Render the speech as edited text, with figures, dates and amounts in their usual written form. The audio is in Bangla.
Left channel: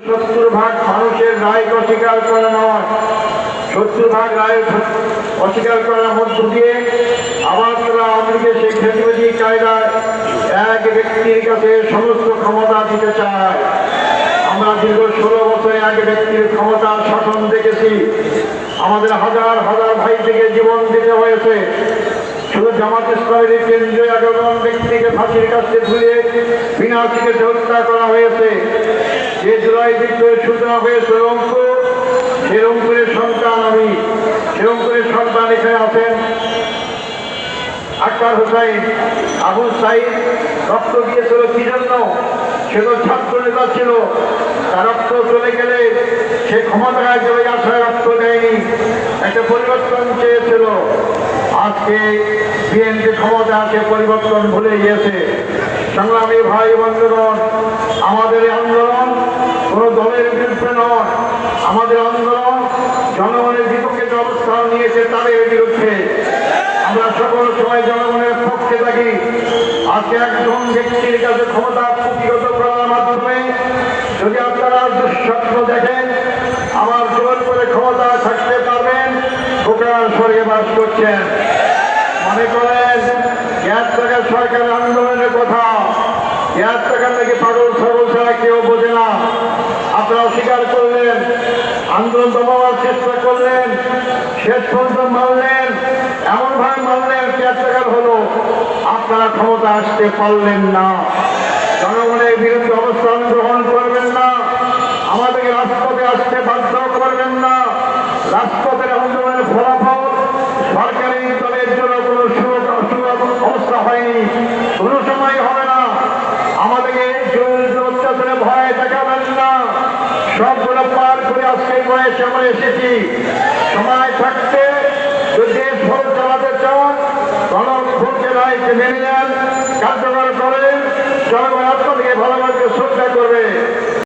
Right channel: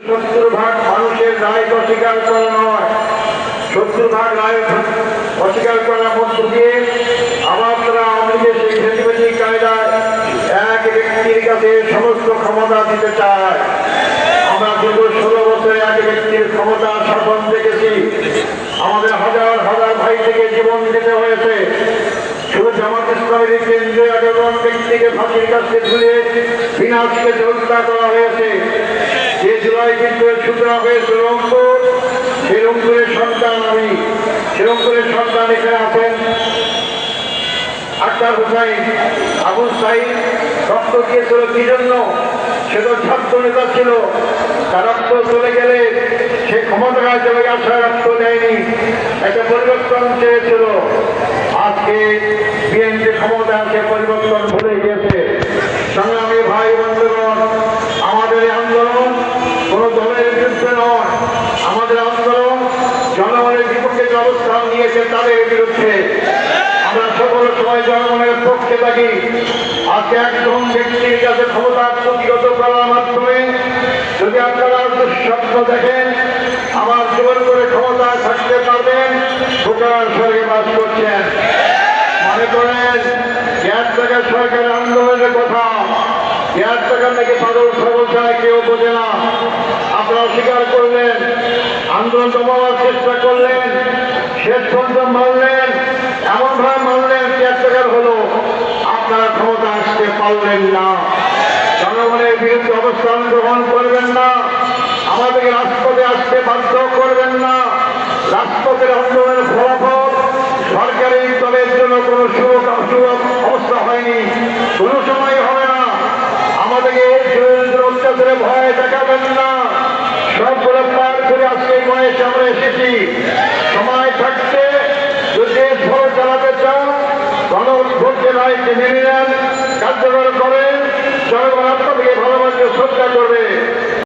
70 ভাগ মানুষের রায় অস্বীকার করা নয়, 70 ভাগ রায় অস্বীকার করার মধ্য দিয়ে আবার তারা আওয়ামী লীগের সেই খেতিবাজি কায়দায় এক ব্যক্তির কাছে সমস্ত ক্ষমতা দিতে চায়। আমরা দীর্ঘ 16 বছরে এক ব্যক্তির ক্ষমতা শাসন দেখেছি। আমাদের হাজার হাজার ভাই থেকে জীবন দিতে হয়েছে। শুধু জামাত ইসলামের কেন্দ্রে 11 জন ব্যক্তিকে ফাঁসির কাছে ঝুলিয়ে বিনা চিকিৎসা হত্যা করা হয়েছে। যে জুলাই বিদ্রোহের সূচনা হয়েছে রংপুর, সেই রংপুরের সন্তান আমি। সে রংপুরের সন্তান এখানে আছেন আক্তার হুসাইন। আবু সাইদ রক্ত দিয়েছিল কি জন্য? সে তো ছাত্র নেতা ছিল। তার রক্ত চলে গেলে সে ক্ষমতায় চলে গেছে, রক্ত দেয়নি, একটা পরিবর্তন চেয়েছিল। আজকে বিএনপি ক্ষমতা সে পরিবর্তন ভুলে গিয়েছে। সংগ্রামী ভাই বন্ধুগণ, আমাদের এই আন্দোলন কোন দলের বিরুদ্ধে নয়, আমাদের আন্দোলন জনগণের বিপক্ষে যে অবস্থান নিয়েছে তাদের বিরুদ্ধে। আমরা সকল সময় জনগণের পক্ষে থাকি। আজকে একজন ব্যক্তির কাছে ক্ষমতা প্রতিহত করার মাধ্যমে যদি আপনারা দুঃস্বপ্ন দেখেন,